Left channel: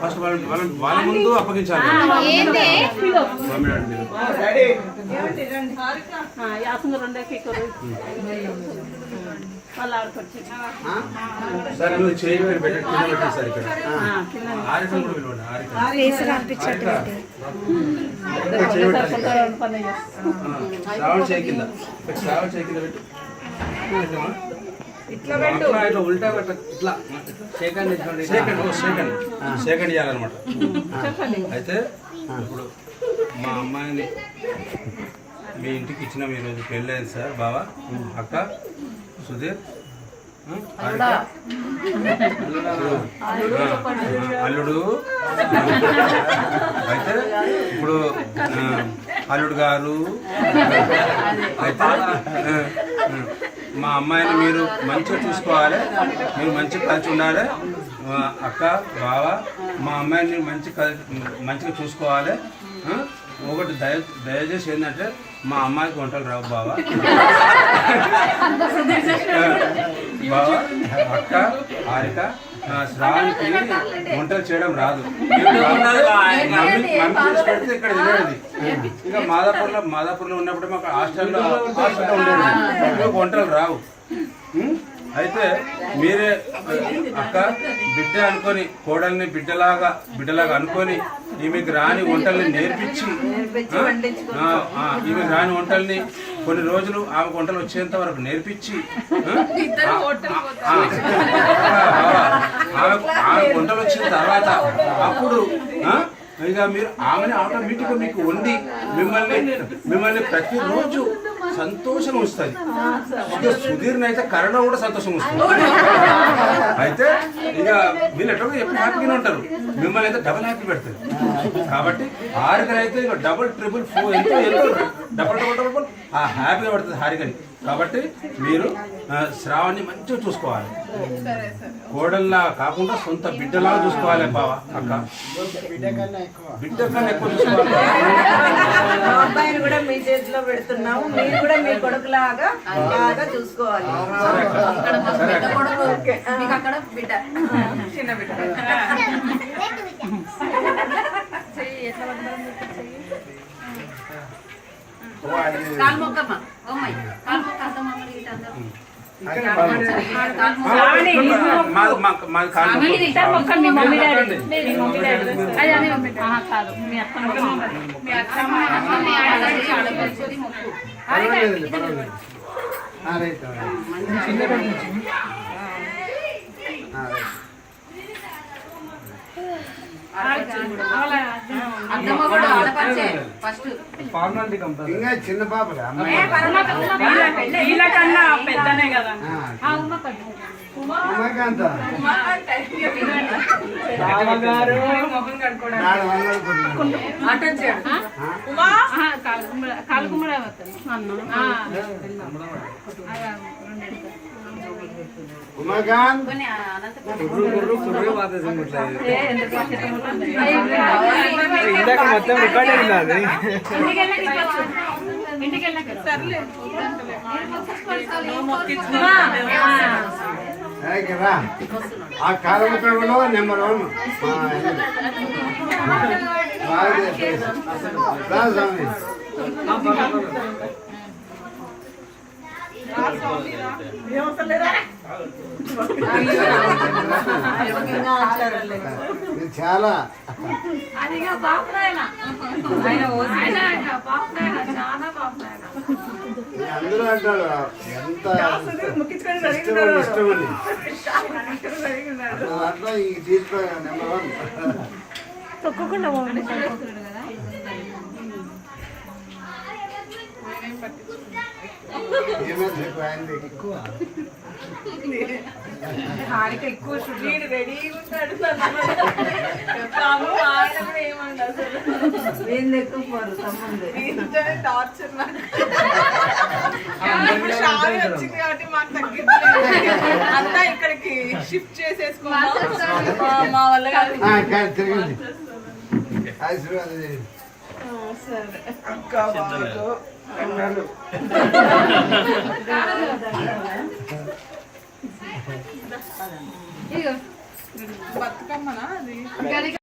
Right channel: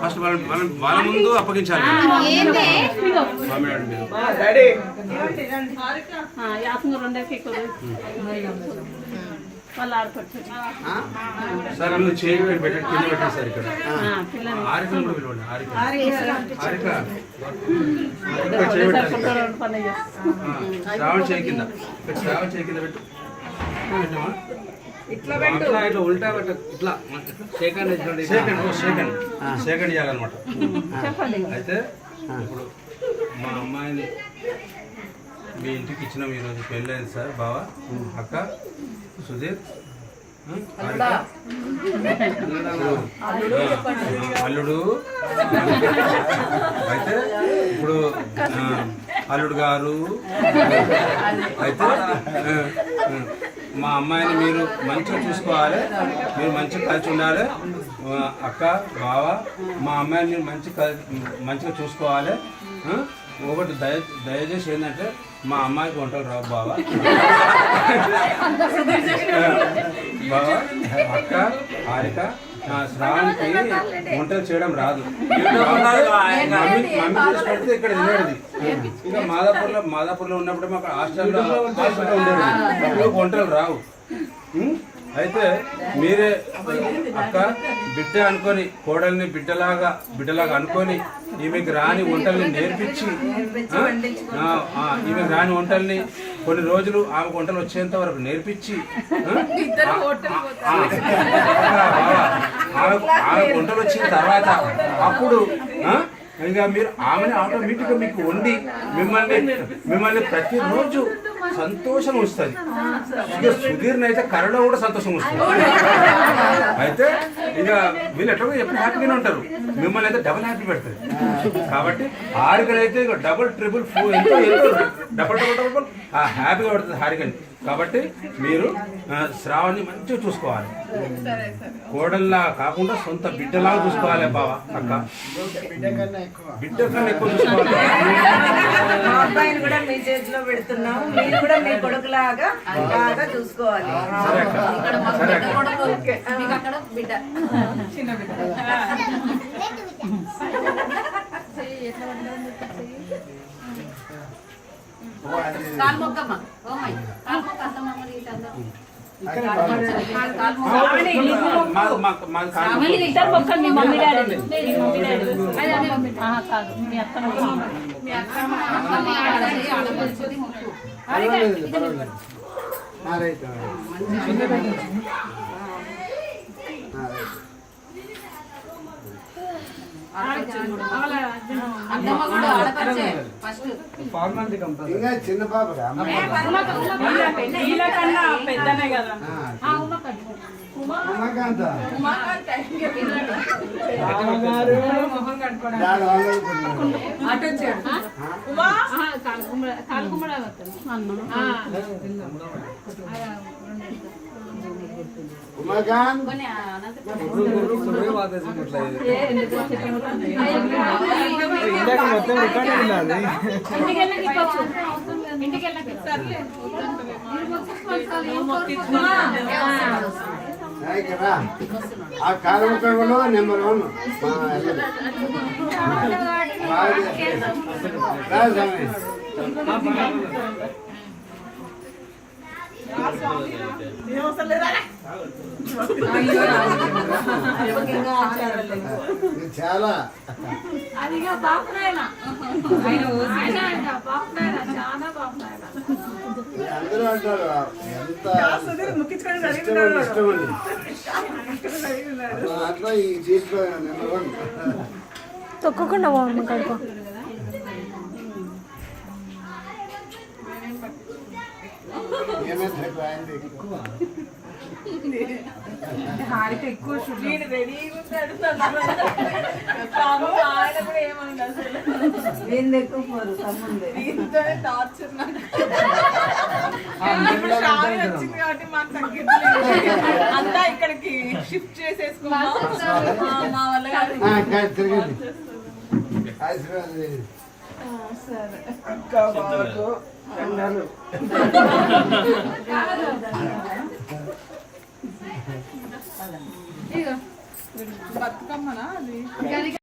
First వాళ్ళ ముందు అప్పగించాలి. సార్ నువ్వు చేయి పెట్టి పెట్టేసారు ఇక్కడ ఆరికలు కూడా పిలవండి. శ్రావణ చేయి కింద శ్రావణ చేయి కింద పెట్టు. ఇట్లా ఉల్టా ఇట్లా సెకండ్ చేయాలన్నమాట. అయితే ఇప్పుడు మా అమ్మాయిని మీ ఇంటికి ఇచ్చినాం ఈరోజు. పెళ్ళి అయింది సార్. బావ, అక్క, సుధీర్, అల్లుడు. అయితే ఇప్పుడు అల్లుడు గారు అయితే మా అమ్మాయిని మీరు మంచిగా చూసుకోవాలి, మీరు మంచిగా కలిసి ఉండాలి. అక్క, బావ, మా అమ్మాయిని మీరు మంచిగా చూసుకోవాలి. ఒకటి దయచేసి ఏంటంటే మా అమ్మాయికి వంటలు రావు బావ. బావ, అక్క, హారిక, శ్రావణికి వంటలు చేయడం రాదు. మమ్మీ చేసి పెడితే ఇక్కడ తినేది. ఇంకా మాదాపూర్లో ఉన్నప్పుడు మాకు హాస్టల్లో ఉండేది. వంటలు రావు. అయితే మీరే అక్క బిడ్డ అనుకొని, కోడల్ని బిడ్డలాగా అనుకొని ఈమెకి రాని వంటల్ని నేర్పించి, ఈమెకి రాని వంటల్ని కొన్ని రోజులు ఆమె వంటలు వచ్చేంత వరకు నేర్పించి, ఆమె వంటలు వచ్చిన తర్వాత అప్పుడు ఇక మీరు ఆమెను ఆటోమేటిక్గా మీకు వండి మిమ్మల్ని ప్రతిరోజు సంతోషం వస్తుంది. ఇక సుధీర్ని అయితే కరోనా కూడా సంతోషం వస్తుంది. అయితే ఇక వీళ్ళు ఎట్లా ఎప్పుడు హ్యాపీగానే ఉంటారు. మిమ్మల్ని అయితే డబుల్ హ్యాపీ పెడతారు. కాబట్టి హారికనైతే ఇక డబుల్ ట్రిపుల్ 4 ఎంతో డబుల్ హ్యాపీగా పడుతుంది హారికని. కాబట్టి మీరు శ్రావణ్ని మంచిగా చూసుకోవాలి. కోడల్లా కాకుండా సొంత బిడ్డలాగా చూసుకోవాలి బావ, అక్క. బిడ్డ కన్నా ఎక్కువ చూసుకోవాలి. మా అబ్బాయిని కూడా మీ చేతిలో పెడుతున్నాము, మీరు కూడా మీ కొడుకులాగా బాగా చూసుకోవాలి. చిన్న బిడ్డ ఇంకా చిన్న పాప కన్నా పెద్దనే కదా. ఉమాకాంత ఉమాకాంత్ ఇందాక మొత్తం రికార్డ్ అయింది. ఆ కాలముఖంలో నెంబర్ 1 రాజస్వామి. చాలా అందరూ అంటారు ఎంత ఇష్టమని. అట్లా ఈ దీంట్లో నెంబర్ 1 తొక్కకుండా ఎక్కువ హారిక ఎక్కువ రెడీగా ఉంటాడు. ఆయన కూడా ఏమండి అసలు ఏం ఎక్కువ టార్చర్ వచ్చింది కాబట్టి మాకు తగ్గింది. అంతా ఇక్కడికి షిఫ్ట్ చేసేసుకున్నాం మా వల్ల. సరే అక్క బాబు బతుకమ్మనా అది